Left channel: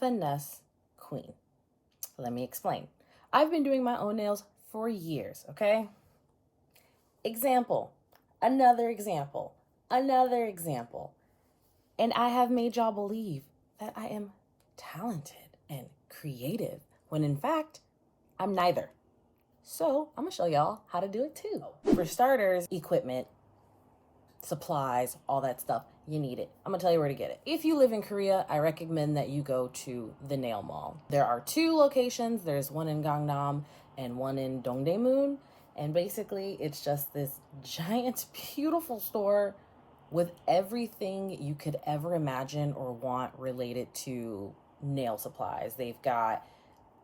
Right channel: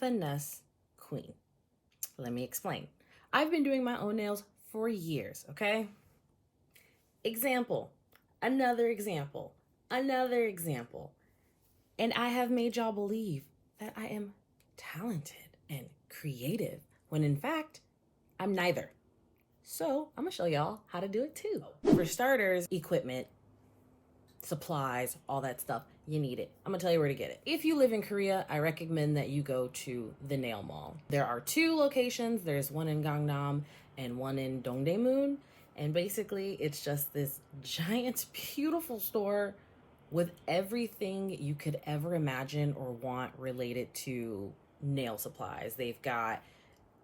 finesse queen. Let me explain. I've been doing my own nails for years, okay? Example, another example, another example. And I have made y'all believe that I am talented and creative, when in fact, I'm neither. So I'm gonna show y'all how to do it too. For starters, equipment, supplies, all that stuff, you need it. I'm gonna tell you where to get it. If you live in Korea, I recommend that you go to the nail mall. There are 2 locations. There's one in Gangnam and one in Dongdaemun. And basically it's just this giant, beautiful store with everything you could ever imagine or want related to nail supplies. They've got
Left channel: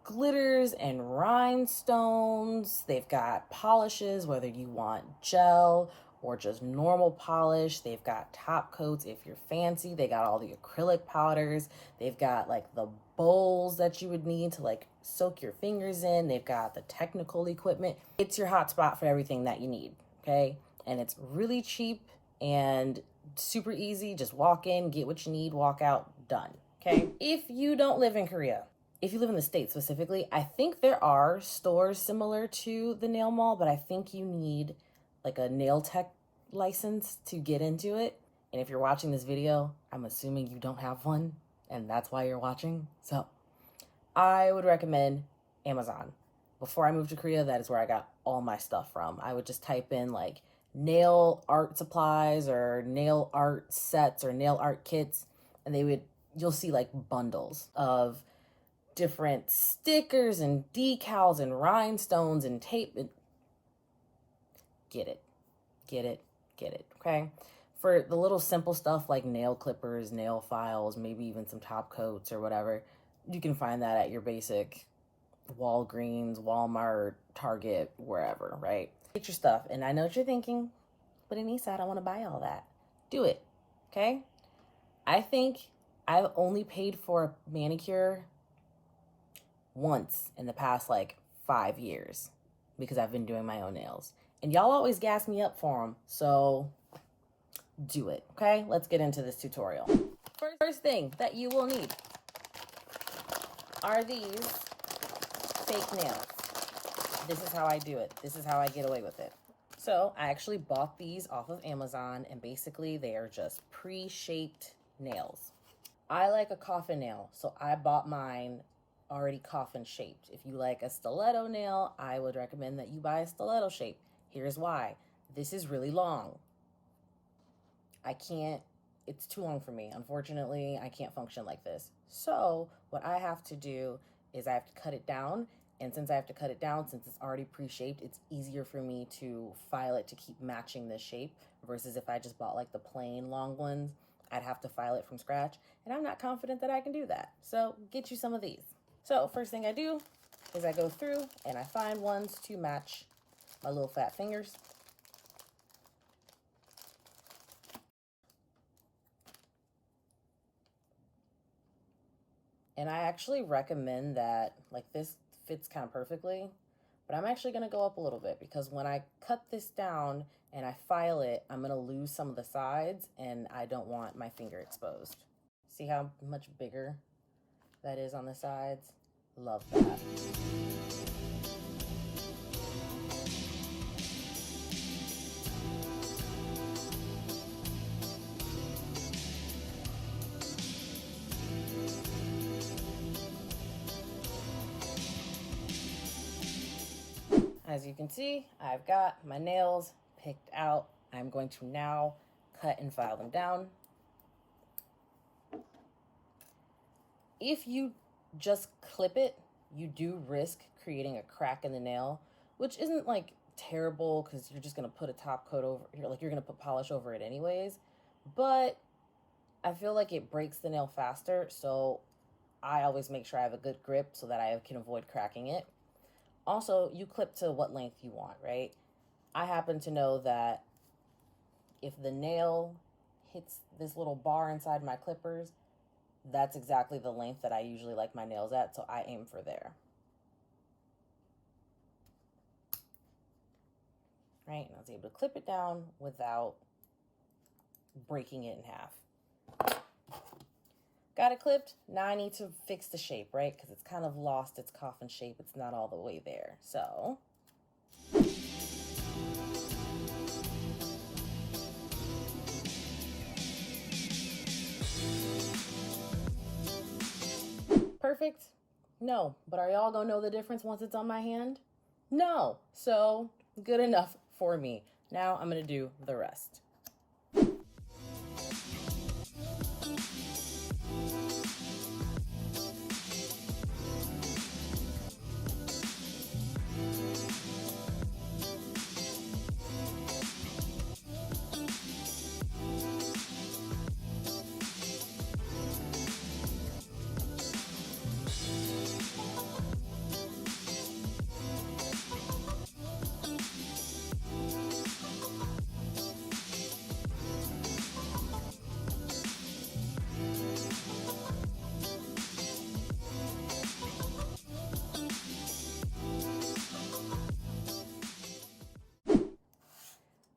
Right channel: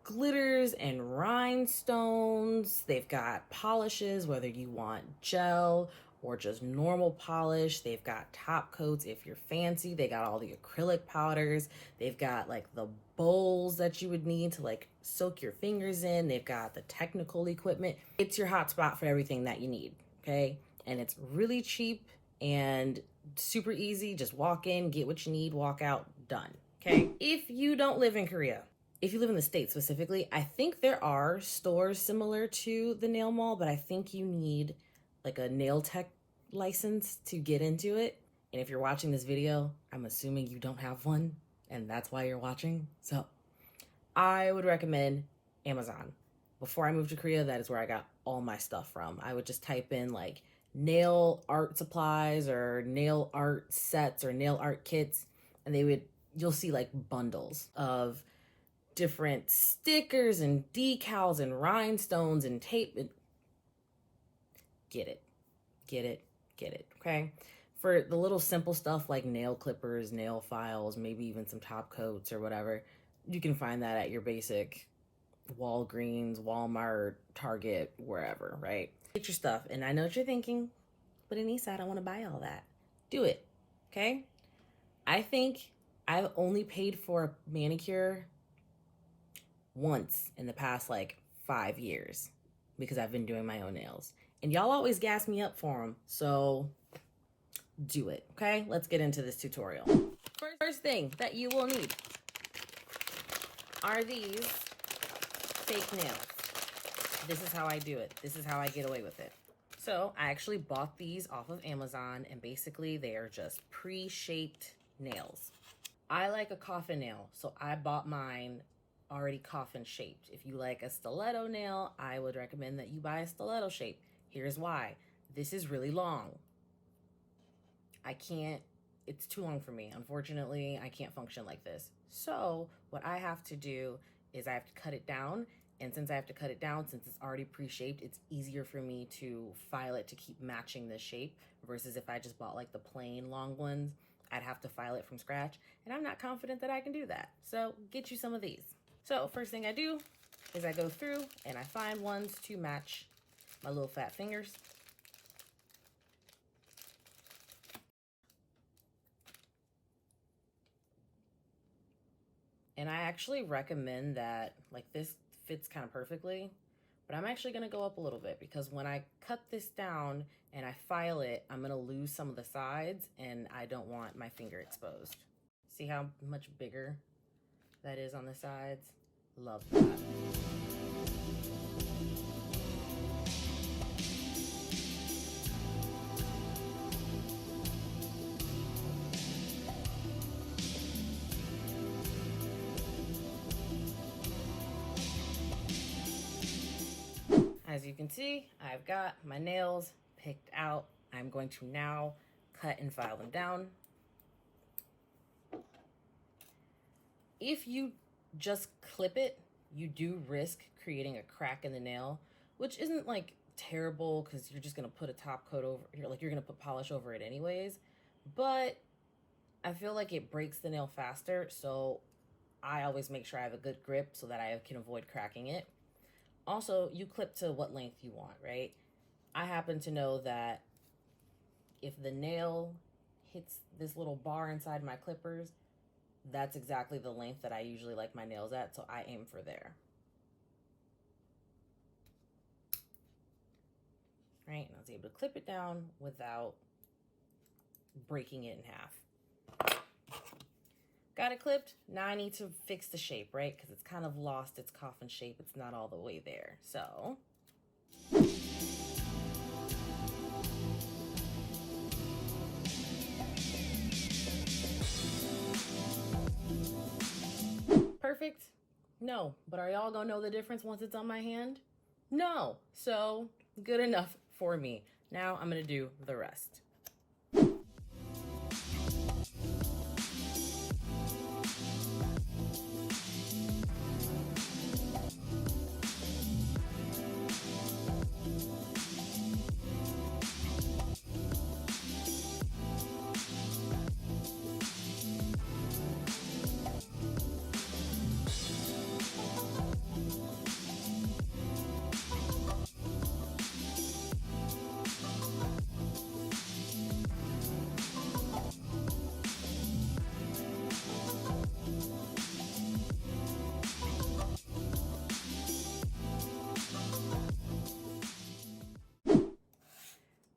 glitters and rhinestones. They've got polishes, whether you want gel or just normal polish. They've got top coats if you're fancy. They got all the acrylic powders. They've got like the bowls that you would need to like soak your fingers in. They've got the technical equipment. It's your hot spot for everything that you need, okay? And it's really cheap and super easy. Just walk in, get what you need, walk out, done, okay? If you don't live in Korea, if you live in the States specifically, I think there are stores similar to the nail mall, but I think you need like a nail tech license to get into it. And if you're watching this video, I'm assuming you don't have one and that's why you're watching. So I would recommend Amazon. Before I moved to Korea, that is where I got all my stuff from. I would just type in like nail art supplies or nail art sets or nail art kits, and you'll see like bundles of different stickers and decals and rhinestones and tape. Get it, okay? For the little simple stuff like nail clippers, nail files, maybe even some top coats or whatever, you can find that at your basic Walgreens, Walmart, Target, wherever, right? Get your stuff. And I know what you're thinking, but Anissa, I don't want to buy all that. Do it, okay? I think I've only paid for a manicure once in the past like 5 years because I've been doing my own nails. And y'all always gas me up for them, so do it, okay? Let's get into this tutorial. First thing that you will need are these fake nails. This is how I do it. This is how I get away with it. So I actually bought these off of Amazon, and basically they are just pre-shaped nails. I like a coffin nail, so I bought mine already coffin shaped. If you like a stiletto nail, I would recommend that you buy a stiletto shape. Here's why. This is really long. It's too long for me. Unfortunately, I can't function like this. So what I have to do is I have to cut it down. And since I have to cut it down, since it's already pre-shaped, it's easier for me to file it to keep matching this shape versus if I just bought like the plain long ones, I'd have to file it from scratch. And I'm not confident that I can do that. So get you some of these. So first thing I do is I go through and I find ones to match my little fat fingers. And I actually recommend that, like, this fits kind of perfectly, but I'm actually gonna go up a little bit because when I cut this down and I file it, I'm gonna lose some of the sides and I don't want my finger exposed. See how much bigger that is on the sides? Love that. As you can see, I've got my nails picked out. I'm going to now cut and file them down. If you just clip it, you do risk creating a crack in the nail, which isn't like terrible because you're just gonna put a top coat over, you're gonna put polish over it anyways, but I feel like it breaks the nail faster, so I always make sure I have a good grip so that I can avoid cracking it. Also, you clip to what length you want, right? I happen to know that if the nail hits this little bar inside my clippers, that's exactly the length that I usually like my nails at, so I aim for there. Right, and I was able to clip it down without breaking it in half. Got it clipped. Now I need to fix the shape, right? Because it's kind of lost its coffin shape. It's not all the way there. So perfect? No. But are y'all gonna know the difference once it's on my hand? No. So good enough for me. Now I'm gonna do the rest.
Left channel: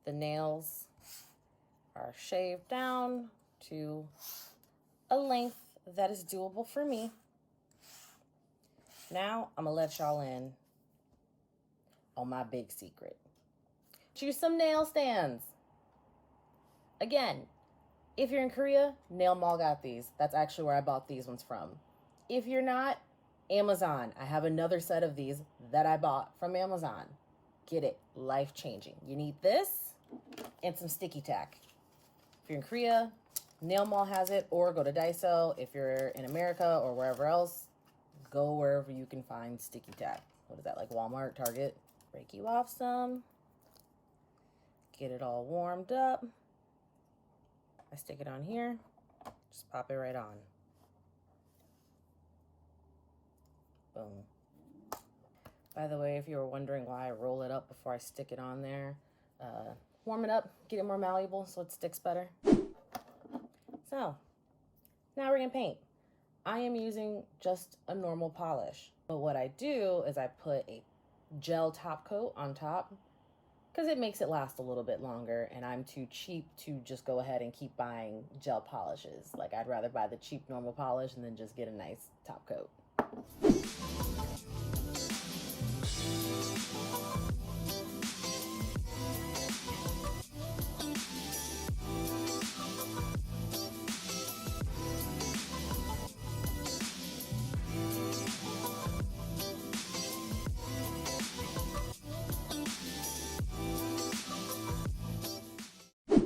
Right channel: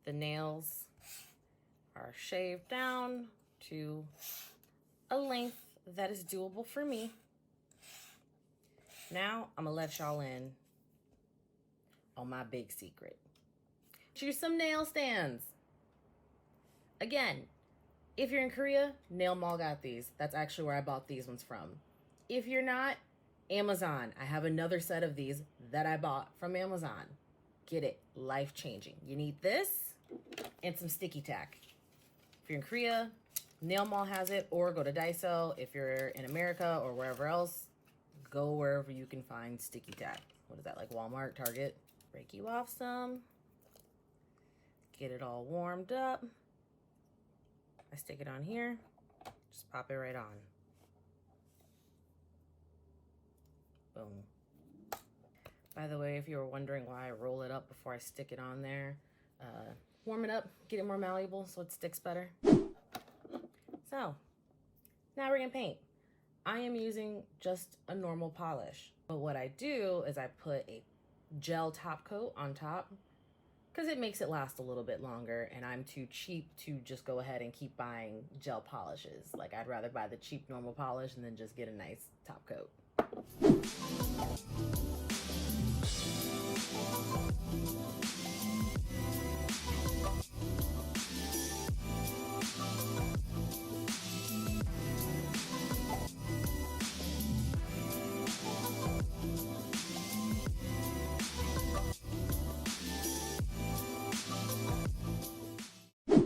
The nails are shaved down to a length that is doable for me. Now I'm gonna let y'all in on my big secret. Choose some nail stands. Again, if you're in Korea, Nail Mall got these. That's actually where I bought these ones from. If you're not, Amazon. I have another set of these that I bought from Amazon. Get it, life-changing. You need this and some sticky tack. If you're in Korea, Nail Mall has it, or go to Daiso. If you're in America or wherever else, go wherever you can find sticky tack. What is that, like Walmart, Target? Break you off some. Get it all warmed up. I stick it on here. Just pop it right on. Boom. By the way, if you were wondering why I roll it up before I stick it on there, warm it up, get it more malleable so it sticks better. So, now we're gonna paint. I am using just a normal polish, but what I do is I put a gel top coat on top because it makes it last a little bit longer, and I'm too cheap to just go ahead and keep buying gel polishes. Like, I'd rather buy the cheap normal polish and then just get a nice top coat.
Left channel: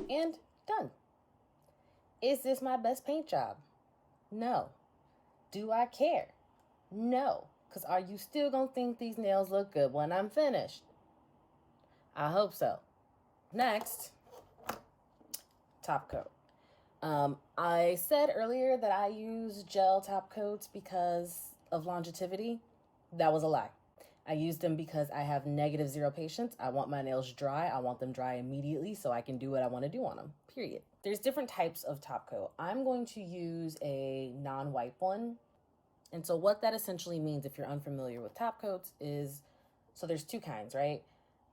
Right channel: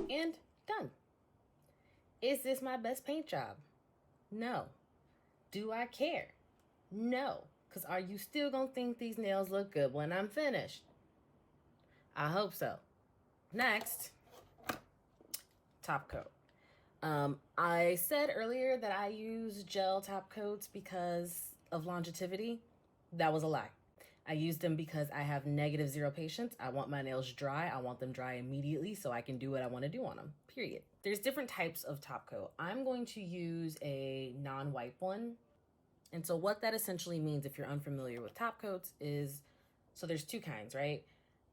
And done. Is this my best paint job? No. Do I care? No. Because are you still going to think these nails look good when I'm finished? I hope so. Next, top coat. I said earlier that I use gel top coats because of longevity. That was a lie. I use them because I have -0 patience. I want my nails dry. I want them dry immediately so I can do what I want to do on them, period. There's different types of top coat. I'm going to use a non-wipe one. And so what that essentially means, if you're unfamiliar with top coats, is, so there's two kinds, right?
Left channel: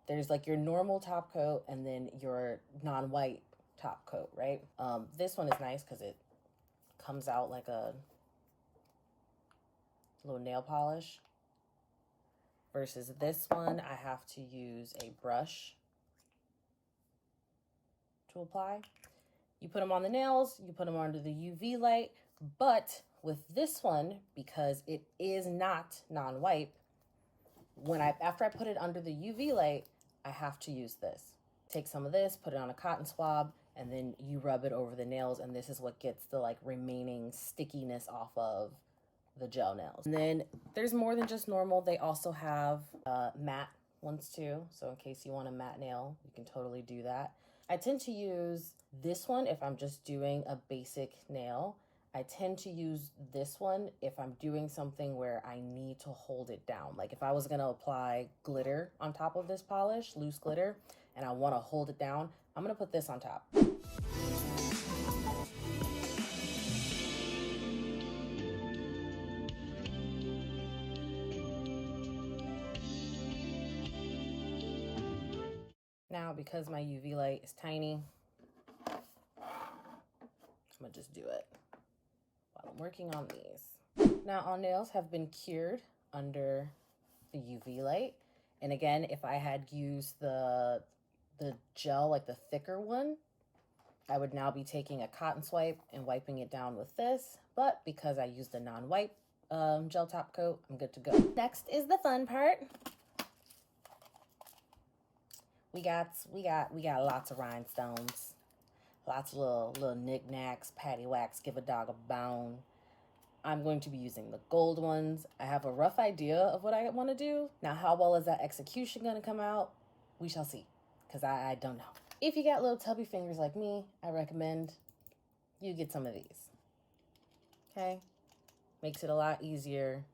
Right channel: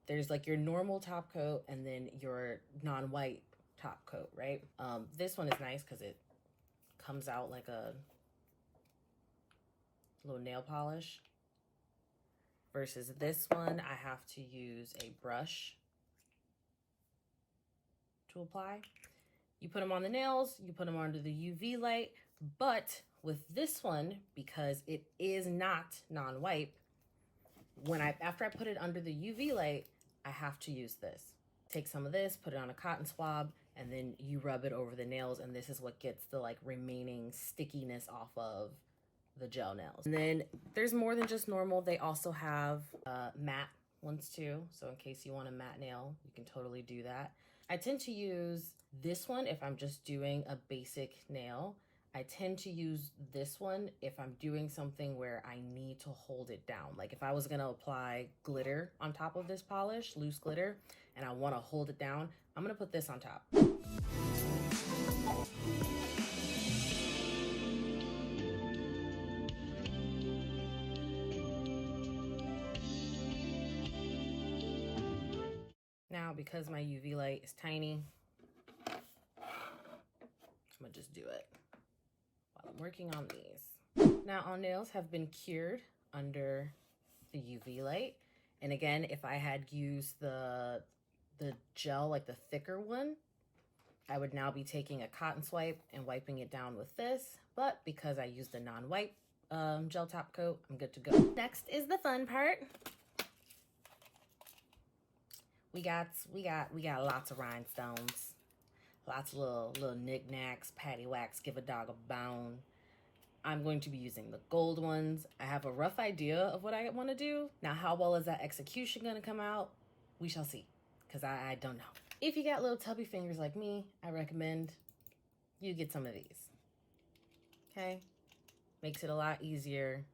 There's like your normal top coat and then your non-wipe top coat, right? This one is nice because it comes out like a little nail polish. Versus this one, I have to use a brush to apply. You put them on the nails, you put them under the UV light, but with this one, because it is not non-wipe, after I put it under the UV light, I have to use this. Take some of this, put it on a cotton swab, and then you rub it over the nails, and this is what gets the like remaining stickiness off of the gel nails. And then there's more than just normal. They also have matte ones too. So in case you want a matte nail, you can totally do that. I tend to use this one if I'm just doing a basic nail. I tend to use this one if I'm doing something where I need to hold it down. Like if I was gonna apply glitter on top of this polish, loose glitter, and I wanna hold it down, I'm gonna put this on top. Now, because my UV light is tiny, I'm gonna just do it I'm working on these. Now, all nails have been cured under the UV light. And again, if I had used the gel, like the thicker one, I would now be taking a cotton swipe and wiping it down with this. But because I used the non-wipe gel top coat, I'm good to go. Next is the fun part. We got lots of rhinestones, lots of little knickknacks, patty wax, give a dog a bone. I'm going to be using the gold ones. I have a rough idea of what I want to do. Now, how well is that execution going to come out? We shall see, because I don't know. If you got little tubby fingers like me, I recommend you get some of these. Okay? Makes it a lot easier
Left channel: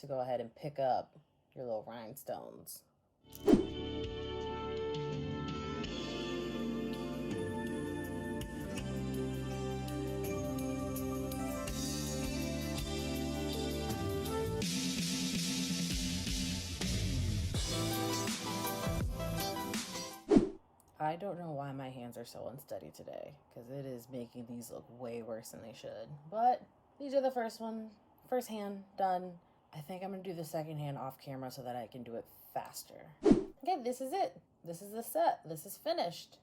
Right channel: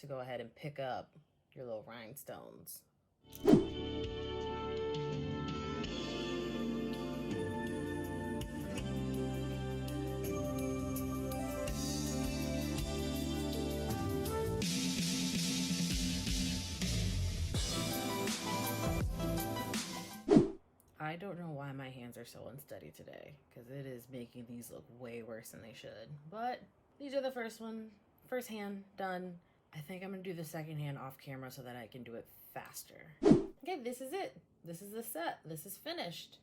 to go ahead and pick up your little rhinestones. I don't know why my hands are so unsteady today, because it is making these look way worse than they should. But these are the first hand done. I think I'm gonna do the second hand off camera so that I can do it faster. Okay, this is it. This is the set. This is finished.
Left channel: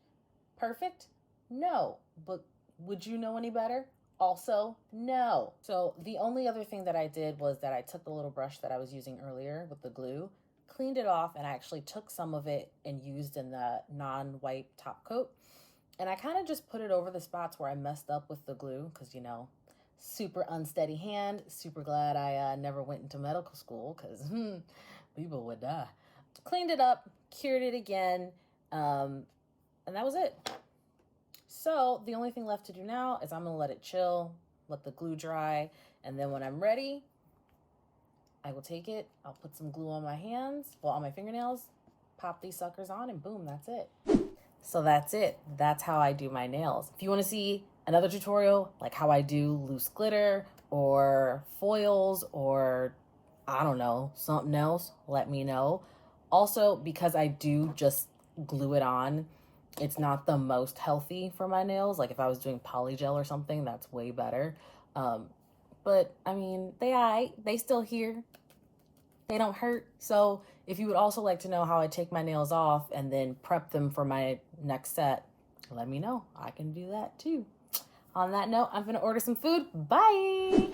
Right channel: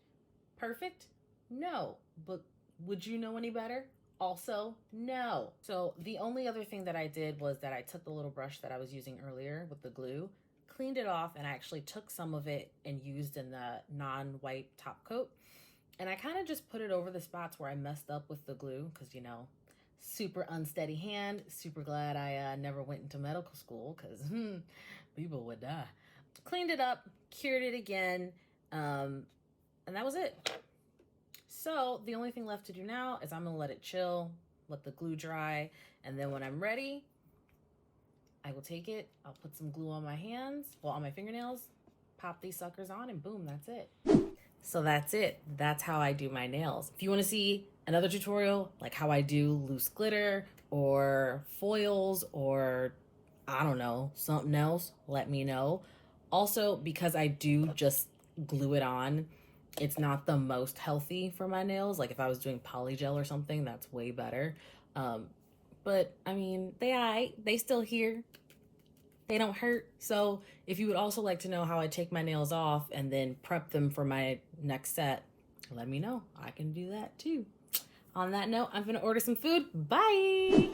Perfect? No. But would you know any better? Also, no. So the only other thing that I did was that I took the little brush that I was using earlier with the glue, cleaned it off, and I actually took some of it and used in the non-wipe top coat. And I kind of just put it over the spots where I messed up with the glue because, you know, super unsteady hand. Super glad I never went into medical school because people would die. Cleaned it up, cured it again, and that was it. So the only thing left to do now is I'm going to let it chill, let the glue dry, and then when I'm ready, I will take it, I'll put some glue on my hands, well, on my fingernails, pop these suckers on, and boom, that's it. So that's it. That's how I do my nails. If you want to see another tutorial, like how I do loose glitter or foils or, I don't know, something else, let me know. Also, because I do just glue it on, it's not the most healthy for my nails. Like if I was doing polygel or something, that's way better. But I mean, they still here. They don't hurt. So if you would also like to know how I take my nails off and then prep them for my next set, let me know. I can do that too. On that note, I'm gonna order some food. Bye.